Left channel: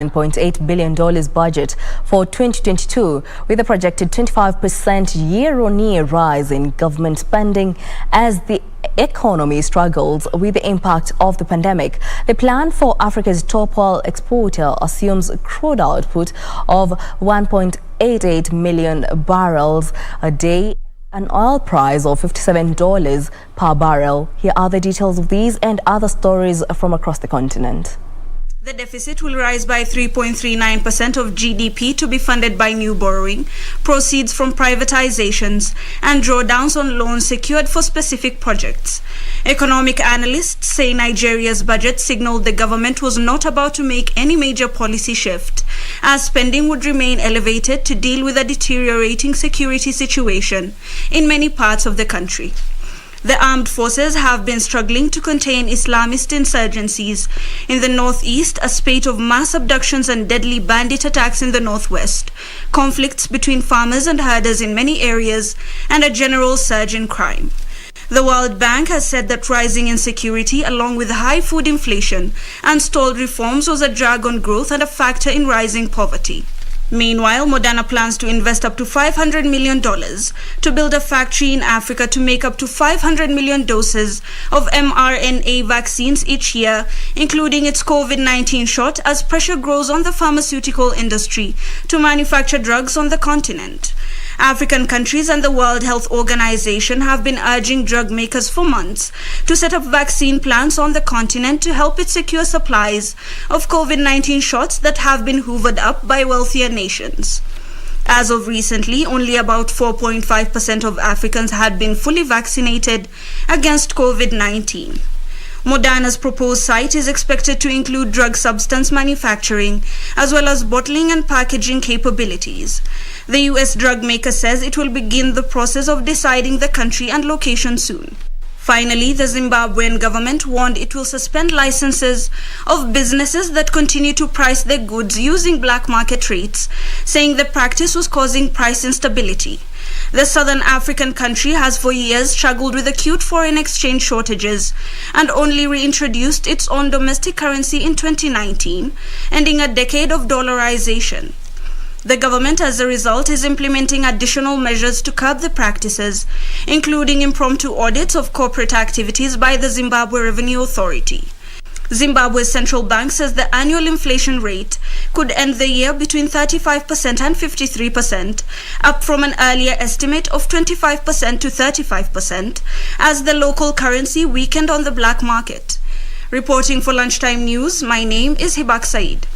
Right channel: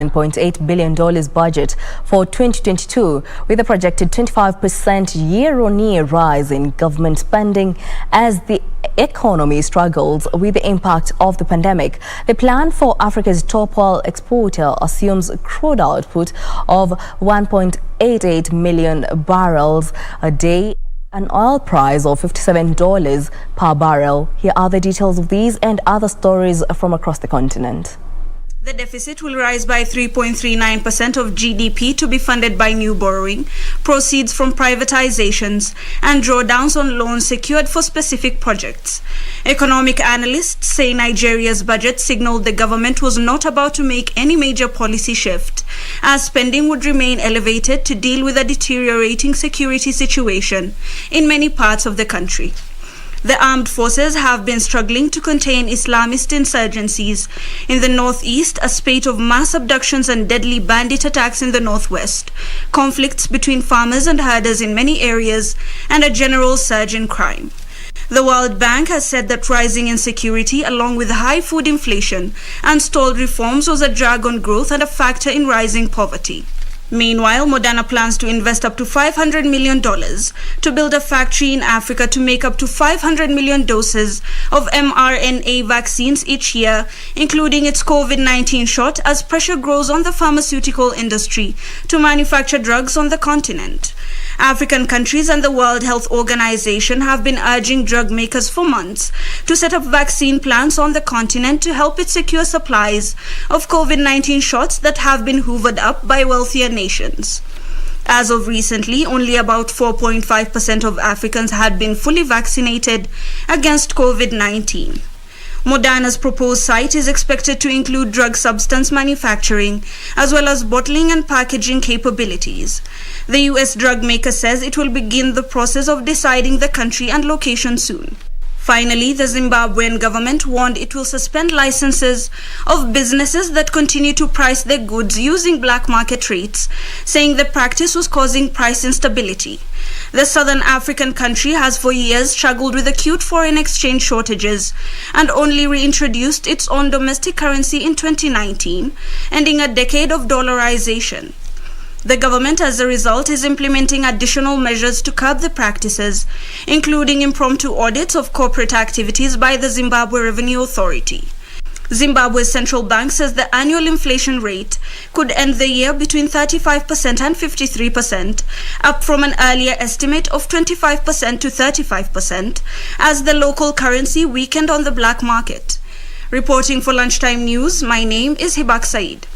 $1.8 billion budget for 2022, with a projected 25% year-on-year rise in government spending as the economy struggles with the impact of the pandemic. The plan for Africa's top oil exporter assumes crude output of 1.88 million barrels a day, an oil price of $57 per barrel. Here are the details of these and other stories from across the continent. The deficit will rise by 3.39% of GDP to be funded by new borrowing, proceeds from privatizations, and drawdowns on loans secured for specific projects. Economic analysts say Nigeria's budget signaled the government was not about to make any major policy shift, as spending would remain elevated to deal with a deteriorating security situation in many parts of the country. The armed forces have been struggling to contain Islamist insurgencies in the northeast, a spate of mass abductions and deadly bandit attacks in the northwest, conflicts between farmers and herders in many areas, and a general surge in crime. The World Bank has said that rising insecurity, along with high food inflation and stalled reforms, was a drag on growth and a factor in rising poverty. Meanwhile, Moderna plans to invest up to $500 million to build a factory in Africa to make up to 500 million doses of mRNA vaccines each year, including its COVID-19 shot, as pressure grows on the pharmaceutical industry to manufacture drugs on the continent. African countries and the World Health Organization have been urging drug makers for months to set up vaccine plants on the continent to help it secure supplies of COVID-19 shots that have been hoovered up by wealthier nations. As of recently, only about 4.5% of Africans had been fully vaccinated against COVID-19. Moderna's proposed site is expected to include drug substance manufacturing as well as bottling and packaging capabilities. The US drug maker says it will begin the process of deciding the country and location soon. Finally, the Zimbabwean government warned it will suspend licenses of businesses that continue to price their goods using black market rates, saying the practice was causing price instability. The southern African country has for years struggled with acute foreign exchange shortages and only reintroduced its own domestic currency in 2019, ending a decade of dollarization. The government, as a result, is implementing additional measures to curb the practices, including impromptu audits of corporate activities by the Zimbabwe Revenue Authority. Zimbabwe's central bank says the annual inflation rate could end the year between 35% and 53%, up from an earlier estimate of 25% to 35%, as the local currency weakened on the black market. Reporting for Lunchtime News, my name is Hibak Said.